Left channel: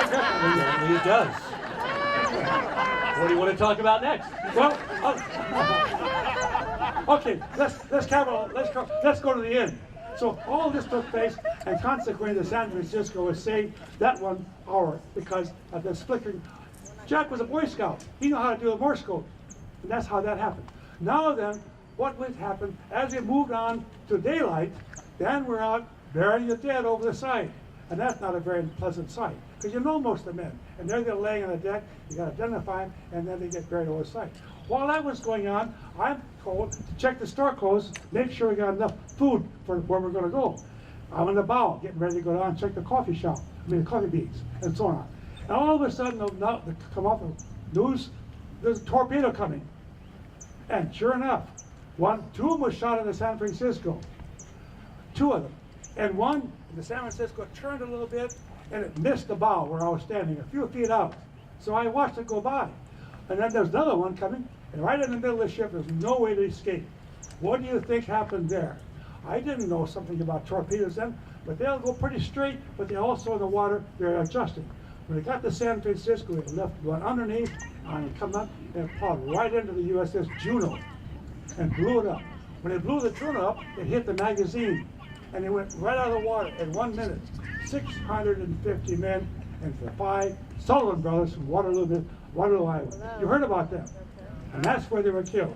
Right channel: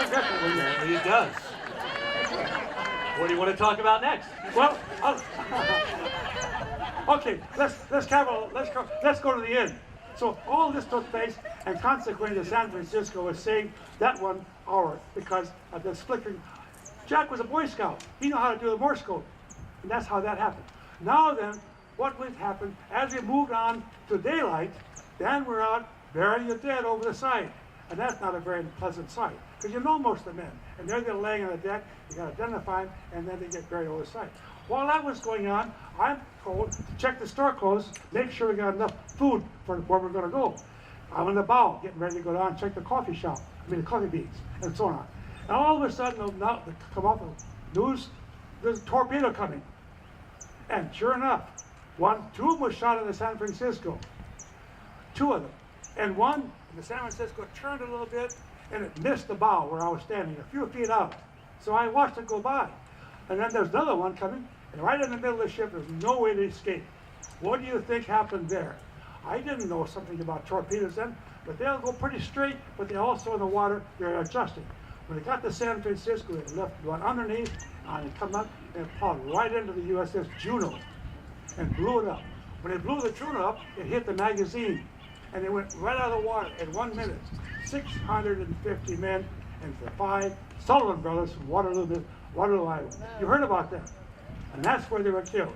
Apparently it does. What do you want to talk about next? Well, okay, let's go to the end. So all this took place, and consequently, the San Francisco was saved that 1 hour because of this flickering. Jack was a Boy Scout. He knew how to do a Morse code, and that's how that happened. Now then, what would happen as we moved on to daylight? Then we're out burying the dead over the side, and that's not a very pleasant sight because you know most of the men, and they're laying on the deck. You got to identify them, and then they get buried over the side. While that was going on, I'm told to check the store clothes, make sure we got enough food for where we're going to go. I'm in the bow, getting ready to go down and check the coffee shop, the coffee beans, and so on. And all of a sudden, they'll come up with news, there's a torpedo coming. And sure enough, two of them was shot in the San Francisco. 2 of them. And one in the San Francisco turned a little bit, and it missed the bow where I was standing, a few feet out. So I watched it go by. And then there's another one coming, and right in the middle of the ship, there's no way to escape. What do you think happened there? I didn't know something about torpedoes then, but they'll go pretty straight, but they also in the water, they're adjusting. When they got to San Francisco, they left one underneath, and it come up and plowed right into the USS Juno and blew it up. When they blew the Juno up, it hit the magazine, and they went right out of the water in 1 minute. 650 men and the 5 Sullivan brothers from Waterloo, Iowa. You heard about them. And that's where they were killed.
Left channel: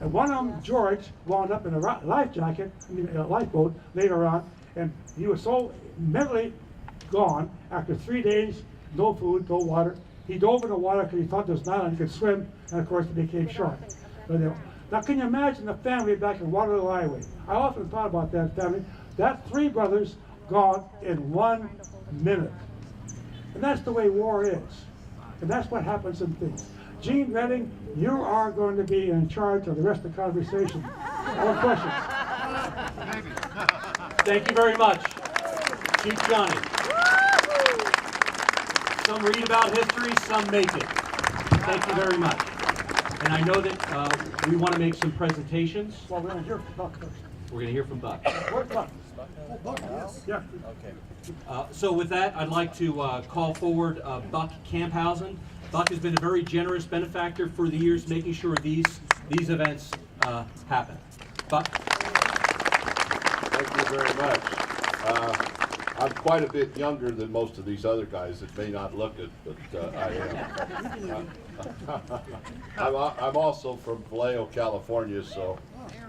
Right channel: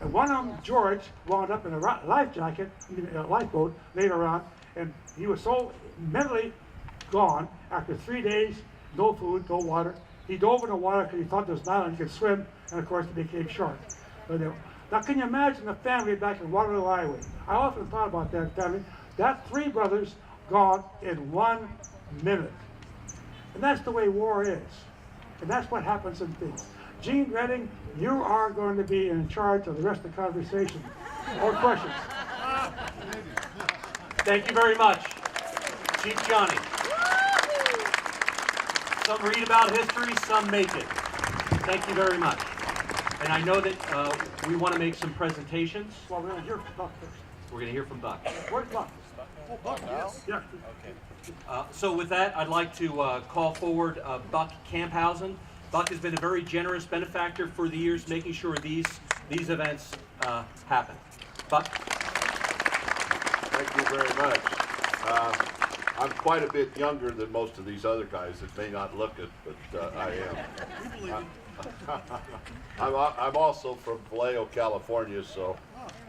And one of them, George, wound up in a life jacket, in a lifeboat later on, and he was so mentally gone after 3 days, no food, no water. He dove in the water because he thought there was an island he could swim, and of course he became short. Now can you imagine the family back in Waterloo, Iowa? I often thought about that family. That 3 brothers gone in 1 minute. And that's the way war is. And that's what happens in things. Gene Redding, you are going to be in charge of the rest of the conversation. More questions? Thank you very much, Chief Johnny. Some read about history, some make it. Thank you very much. And I know that we want to make some presentations. Well, we're going to hear from Buck first. We're going to hear from Buck. Where's Buck? Oh, Buck, yes. Yeah. Okay. So with that, I'd like to call forward Buck Camphausen. Buck has been a very generous benefactor for the years, making sure these events happen. Buck? Thank you very much. I'm quite a bit younger than most of these other guys. It may not look it, but I am. I'm also from Vallejo, California, so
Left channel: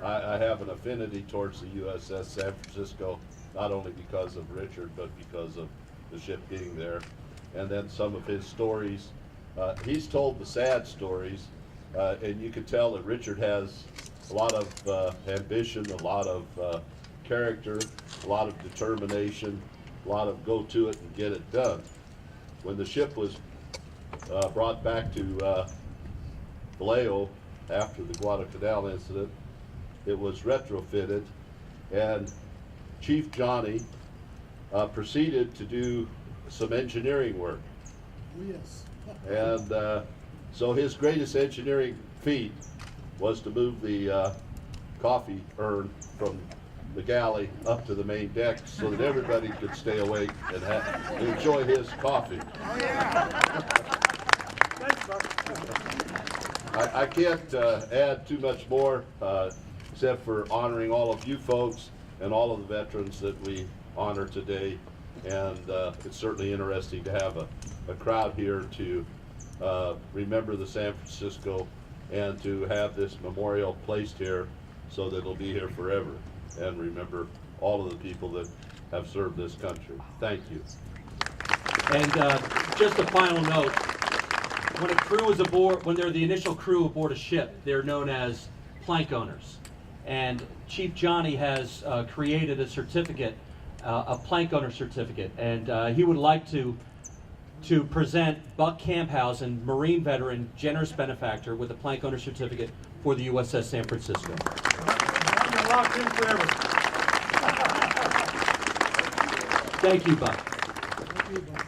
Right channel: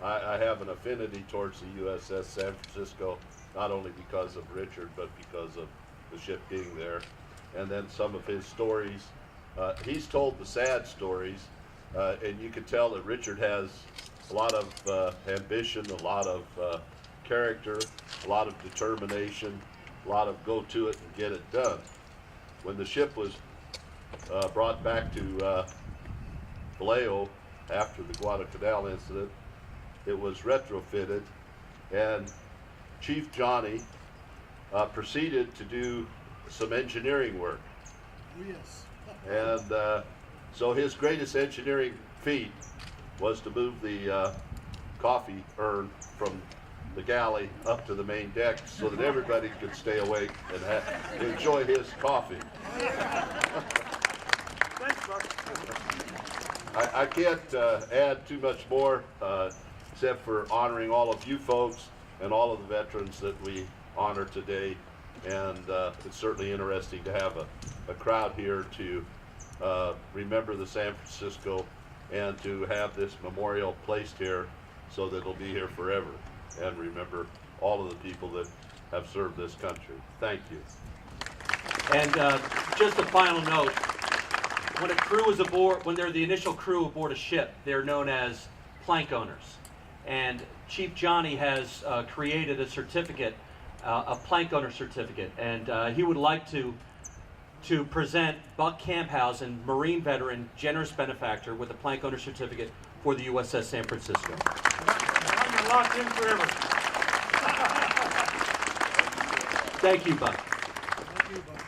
I have an affinity towards the USS San Francisco, not only because of Richard, but because of the ship being there. And then some of his stories. He's told the sad stories, and you can tell that Richard has a lot of ambition, a lot of character, a lot of determination, a lot of go to it and get it done. When the ship was brought back to Vallejo after the Guadalcanal incident, it was retrofitted, and Chief Johnny proceeded to do some engineering work. Oh, yes. And so his greatest engineering feat was to move the coffee urn from the galley up to the main deck so that everybody could stay awake and enjoy his coffee. Thanks, Buck. I can't add too much more except for honoring all of you folks and all of the veterans that we honor today. And it's certainly interesting to have a crowd here to remember the San Francisco and to have this memorial placed here so that it'll be here forever and remember all of the people that have served this country. Thank you. And just a final note, when a crew is aboard, when they're the initial crew aboard a ship, they're known as plank owners. And Chief Johnny has created a certificate, a plank owner certificate, and he would like to present Buck Camphausen, Marine veteran, generous benefactor, with a plank owner certificate for the USS San Francisco. Now you're locked in forever. Thank you, Buck. Thank you, Buck.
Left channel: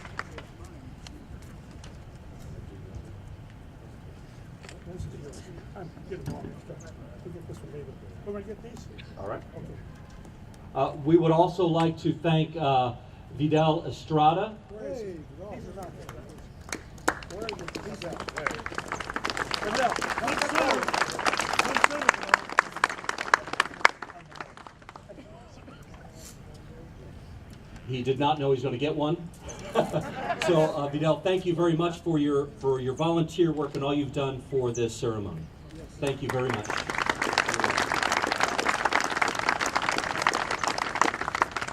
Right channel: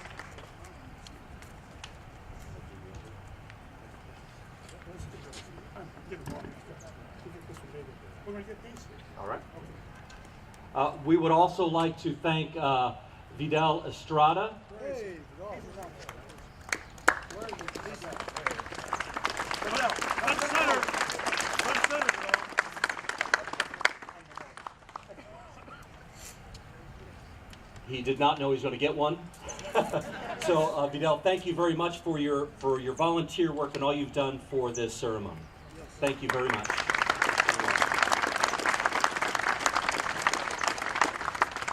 We're going to get these? All right. We would also like to thank Vidal Estrada, Hey, Vidal. Where is it? He's at. Vidal, one center. One center, Vidal. he did not know he was going to get one. So Vidal, thank you very much for your volunteer work and all you've done for this ceremony. Thank you very much.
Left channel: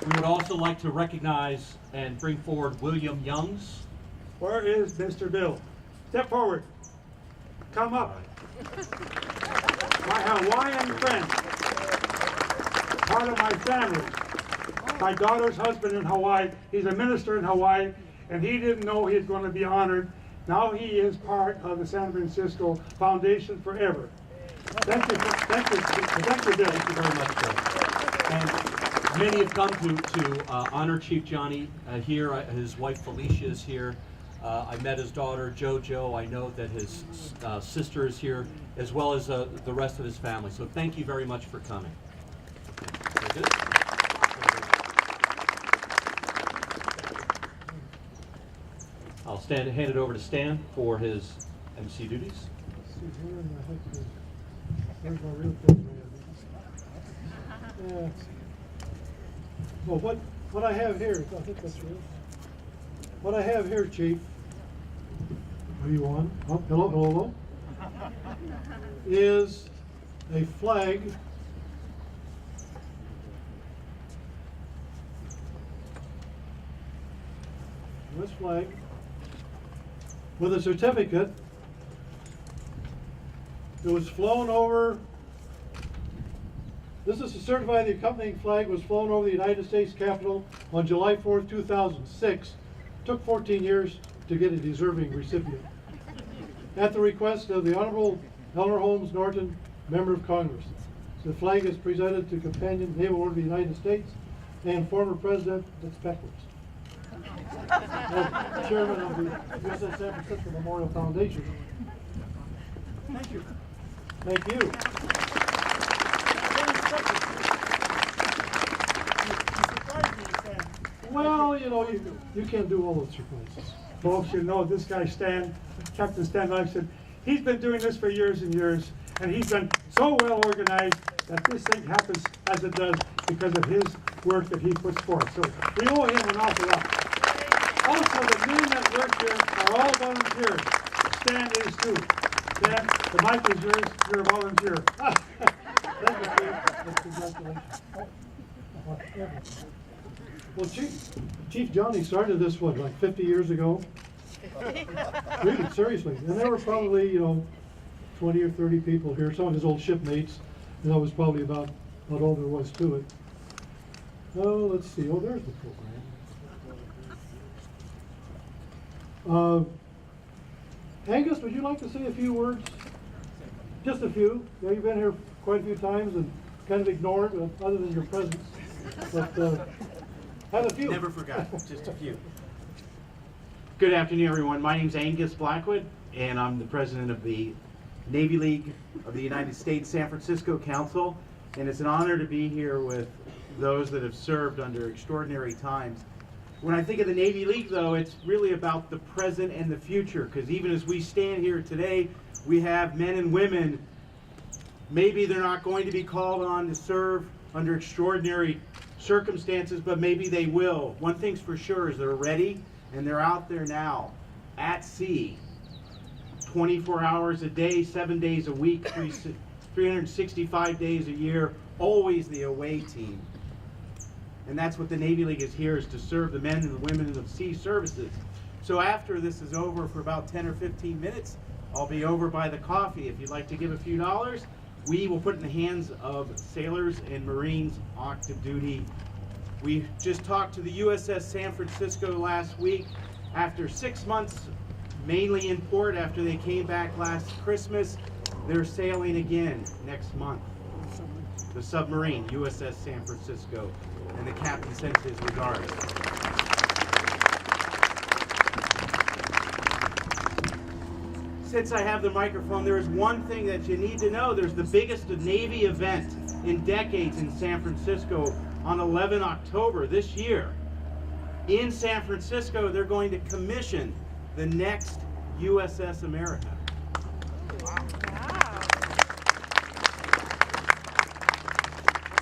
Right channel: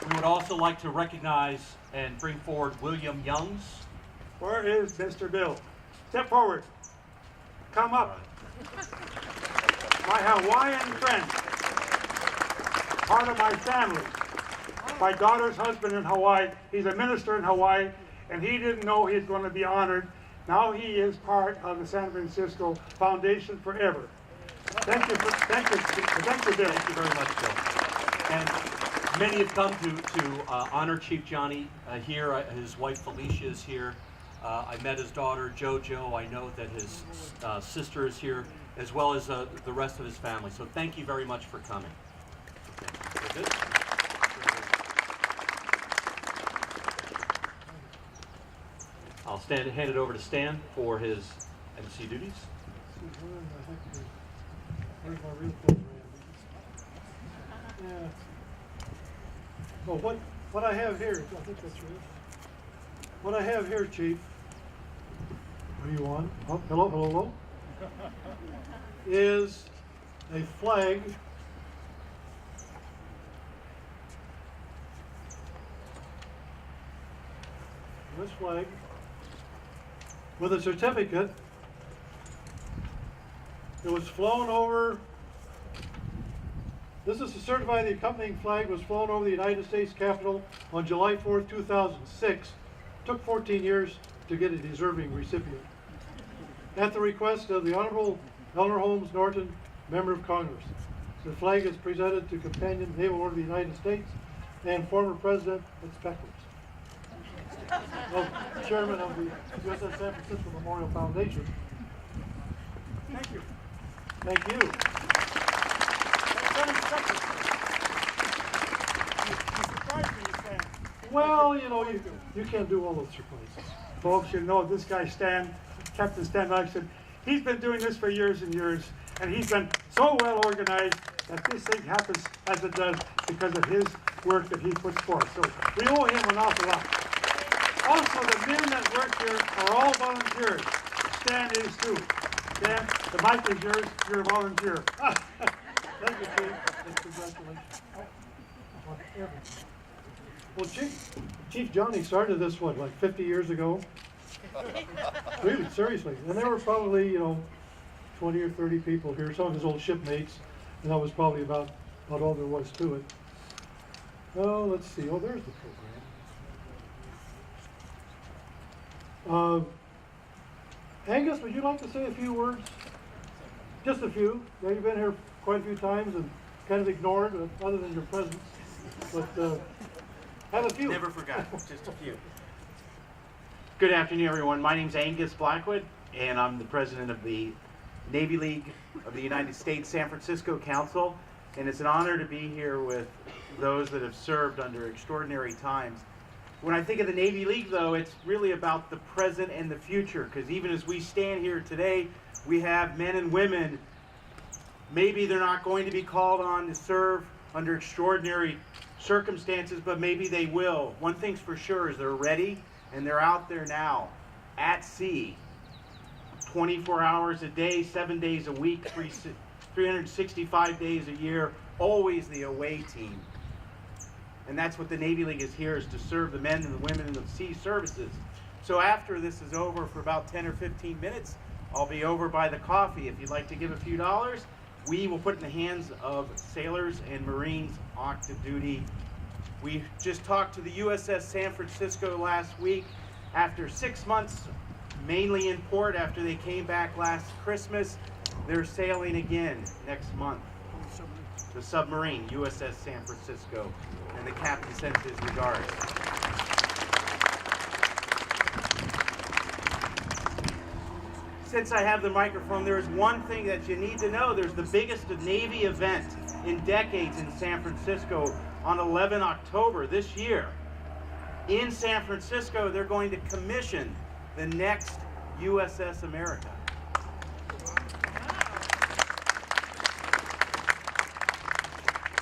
We would also like to recognize and bring forward William Youngs. Where is Mr. Bill? Step forward. Come up. My Hawaiian friend. Part of my family. My daughter's husband in Hawaii. He's a minister in Hawaii, and he didn't know he was going to be honored. Now he is part of the San Francisco Foundation forever. Thank you, thank you, Bill. Thank you very much, Bill. And many have come to honor Chief Johnny here. His wife Felicia is here. I met his daughter JoJo. I know that his sister is here, as well as the rest of his family. So thank you very much for coming. That's it. I'll hand it over to Stan for his MC duties. Where's my real clothes? Yeah. Well, what I have here, I think that's yours. What I have here, Chief. What do you want? Oh, hello, hello, hello. Is a flag. This flag with a certificate. It was flown over. This is to certify the accompanying flag was flown over the United States Capitol on July 4th, 2006. Took 14 years to get a deserving recipient. At the request of the Honorable Eleanor Holmes Norton, Member of Congress. The flag is presented to Companion Naval Order of the United States and former President, it's backwards, Chairman of the USS San Francisco Memorial Foundation. Thank you. Thank you. Well, you know, you can't do all those surprises. Folks, you know this guy Stan, Captain Stan Langston, he's been doing this for years and years, and he's been so well organized that this thing happens as it does because of his work that he puts forth. So we owe him an awful lot. Also, the men that work here are all volunteers. Stan is too. Stan, the mic is yours. You're a volunteer. Thank you, Chief. Congratulations. Well, Chief Johnny started this, what, like 50 years ago? Really, seriously. And there were probably, you know, 20 or 30 people here, some of his old shipmates, and that was probably about all there was to it. Oh, let's see. Oh, there's the program. Angus, would you like to say a few words? Just a few. Yeah, you've been here quite a few times and kind of ignored, other than your presence. But have a few. Never forgot, just a few. Good afternoon, everyone. My name's Angus Blackwood, and I'm the president of the Navy League of the United States San Francisco Council, and it's an honor to be here with those that have served under extraordinary times. When I think of the Navy League, though, it's really about the present and the future, because even as we stand here today, we have men and women. Maybe they're not going to be called on to serve under extraordinary circumstances, but maybe they will. One thing's for sure is they're ready, and they're out there now, at sea, 24 hours a day, 7 days a week, 365 days a year, always the away team. And that's what the Navy League is here, is to serve the men and the women in the sea services. So after this is over for about 10 or 15 minutes, I'll be over by the coffee. If you'd like to give a few dollars, we will put in the hands of sailors and Marines active duty. We just talked to the USS San Francisco last week. After 6 months, mainly in port, after they came back last Christmas, they're sailing again next month. The submarine, USS San Francisco, and the captain sends his regards. Since I have the microphone, there is one thing that you need to know. There's the biggest Navy event in decades in San Francisco on 11 October this year. in San Francisco, they're going to commission the next USS America.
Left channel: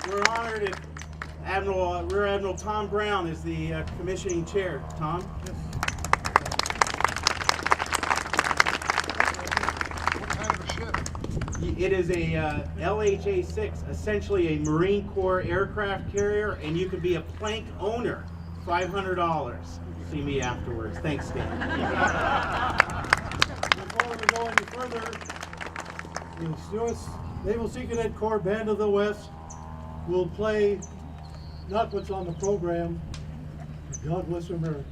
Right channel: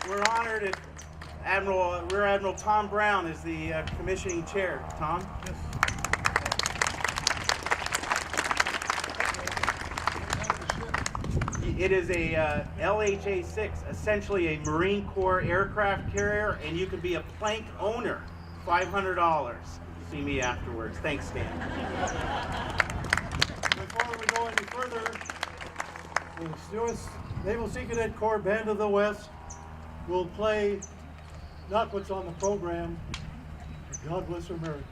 We're honored if Rear Admiral Tom Brown is the commissioning chair. Tom? Yes. It is a LHA-6, essentially a Marine Corps aircraft carrier, and you can be a plank owner, $500. See me afterwards. Thanks, Dan. Before we go any further, the U.S. Naval Sea Cadet Corps Band of the West will play not what's on the program, but God Bless America.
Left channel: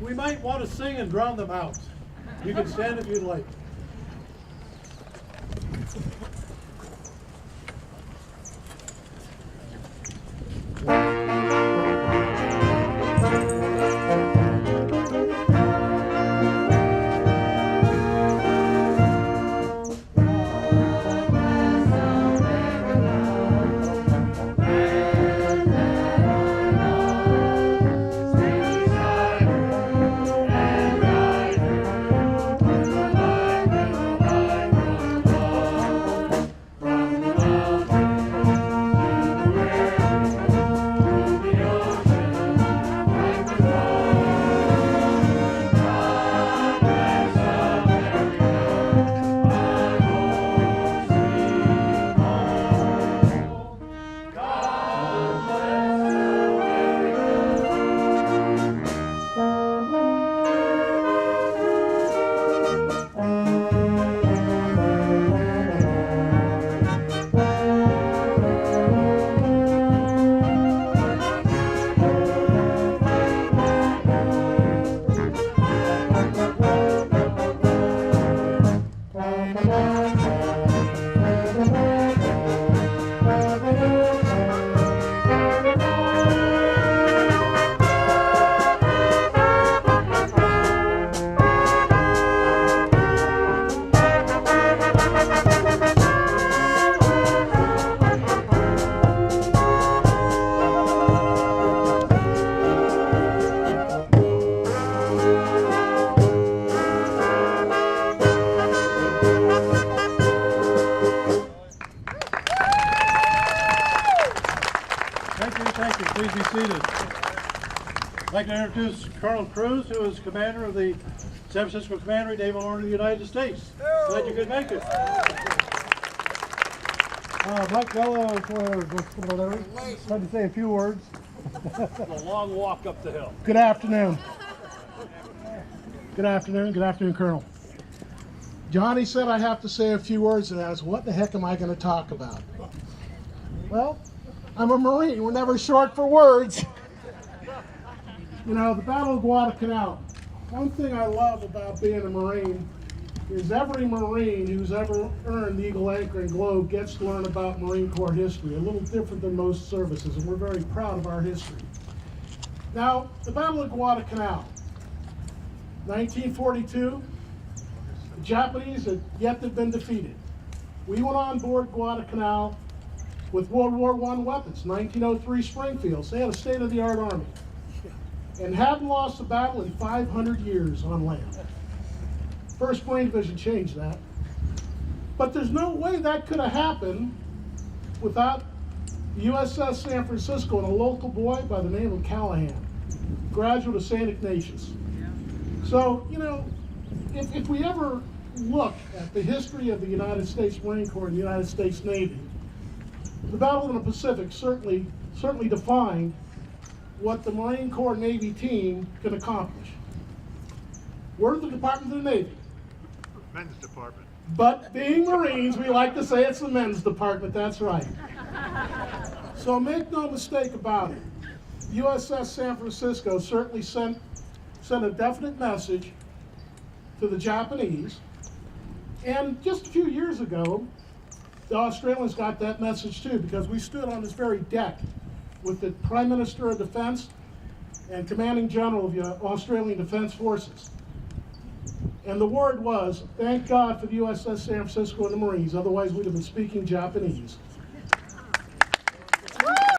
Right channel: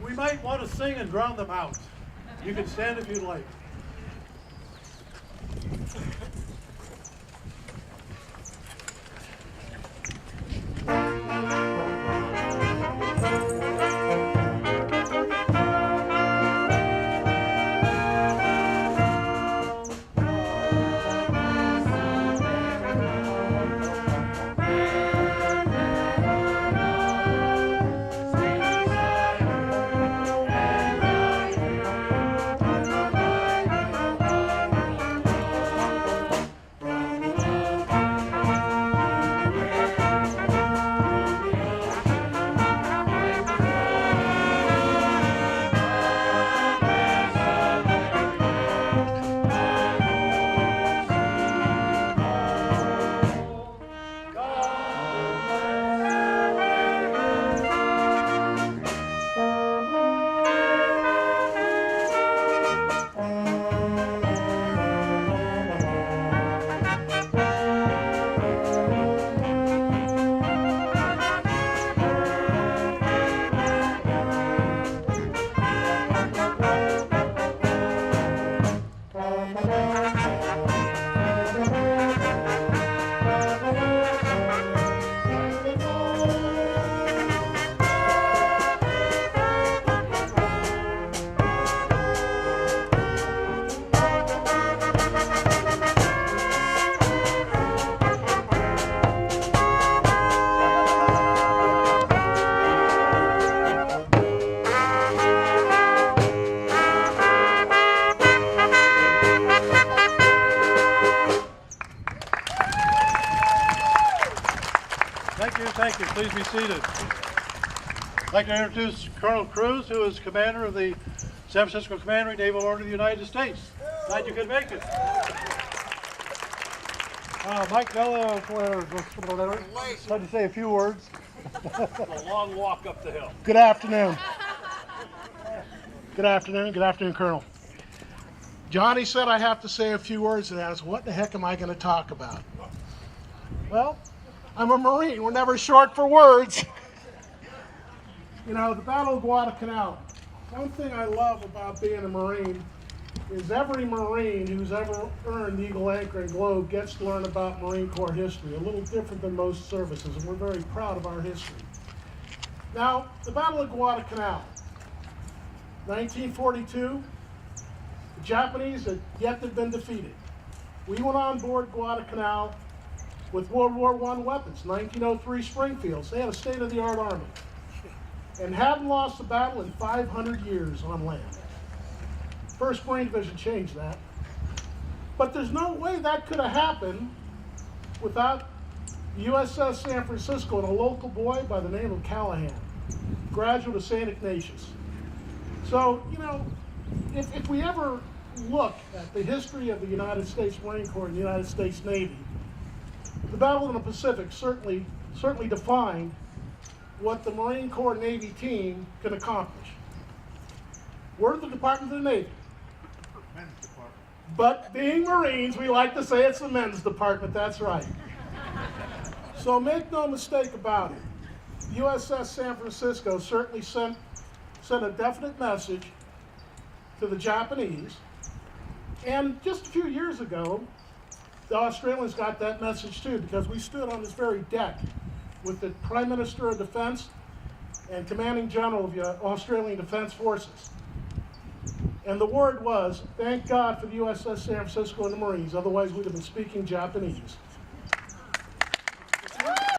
We might want to sing and drown them out. You can stand if you'd like. Thank you. Please be seated. I'd like to introduce Colonel Cruz, who is commander of the San Francisco Commandery Naval Order of the United States. Glad you could make it. Mike Bella, I'd like to say a few words. It's a long walk up the hill. Good afternoon. Good afternoon. Good afternoon, Colonel. Johnny said I have to say a few words, and I was, what the heck am I going to talk about? Well, I'm a Marine. We're never short for words. You know, the Battle of Guadalcanal. One thing I love about being a Marine is every Marine who's ever earned the Eagle Anchor and Globe gets to learn about Marine Corps history, a little different than most services, and we're very proud of our history. Now, the Battle of Guadalcanal, 1942, the Japanese had yet to have been defeated. We went on board Guadalcanal with World War I weapons, 1903 Springfields. They had a state-of-the-art army and hadn't lost a battle in 500 years on land. 1st Marine Division changed that. But there's no way that could have happened without the USS San Francisco and a local boy by the name of Callahan, graduate of St. Ignatius. So, you know, if we ever look at the history of the United States Marine Corps and the United States Navy, the Battle in the Pacific certainly defined what the Marine Corps Navy team can accomplish. We're the Department of the Navy. Men's department. But being Marines, we like to say it's the men's department, that's right. So make no mistake about it. USS San Francisco certainly sent a definite message to the Japanese. And just a few years ago, the Australians got that message too, because we stood on this very deck with the Prime Minister of Defense and Commanding General of the Australian Defense Forces. And the word was, thank God for the USS San Francisco and the Marines, otherwise we'd have been speaking Japanese.